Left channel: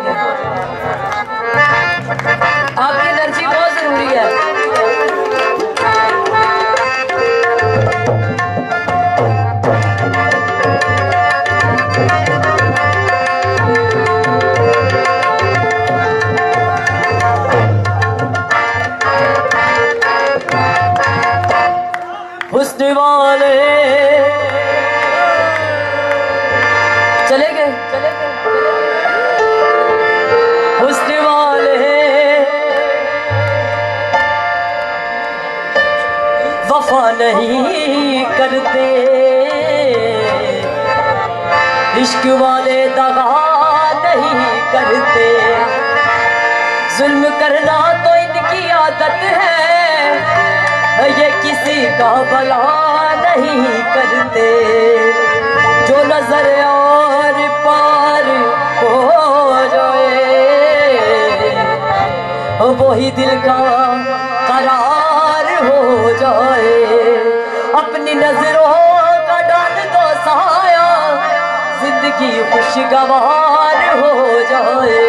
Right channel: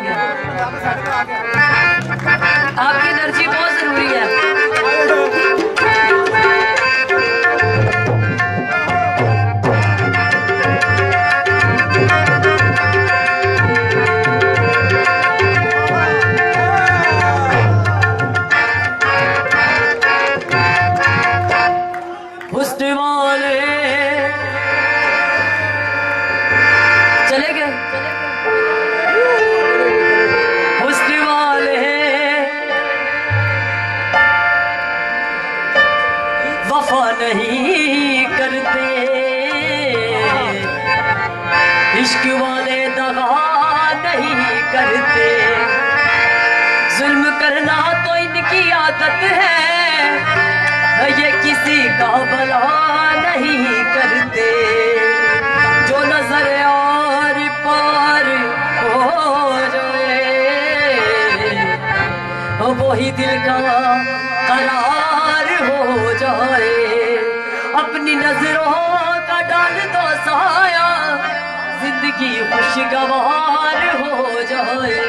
करेंगे। आपकी एनर्जी बहुत जरूरी है। हुस्न वाले चले गए, हुस्न वाले वफा नहीं करते, इश्क वाले दगा नहीं करते। जुल्म करना तो इनकी आदत है, ये किसी का भला नहीं करते। जो नजर और पार हो जाए वही दिल का करार हो जाए। अपनी नजरों का डाल दो साया, जिंदगी खुशगवार हो जाए।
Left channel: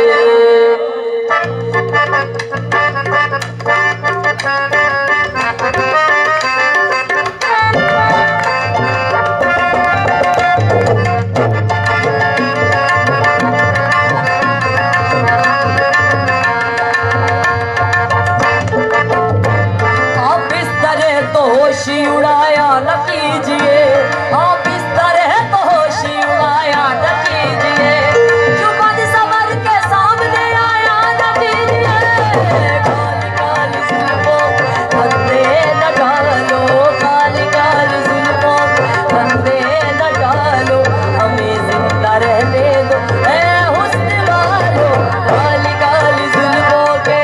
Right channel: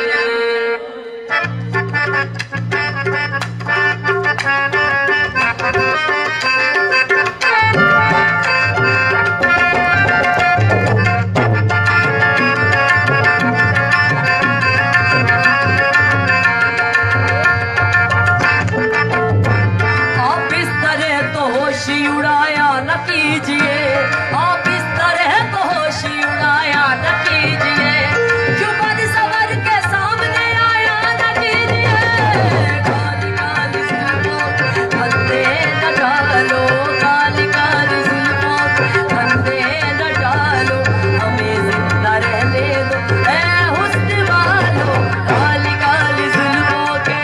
होश उड़ाया न कीजिए, आप इस तरह तो होश उड़ाया न कीजिए। क्यों बद सबर के सामने आया न कीजिए। काली काली जुल्फों बंदे न डालो, काली काली जुल्फों बंदे न डालो, हमें जिंदा रहने दो ऐ हुस्न वालो। काली काली जुल्फों के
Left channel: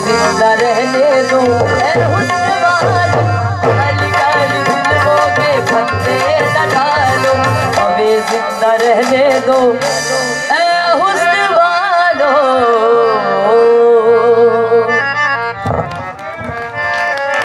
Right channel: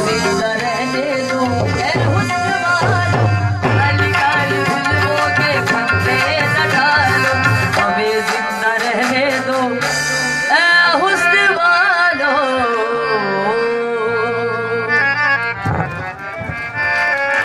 जिंदा रहने दो।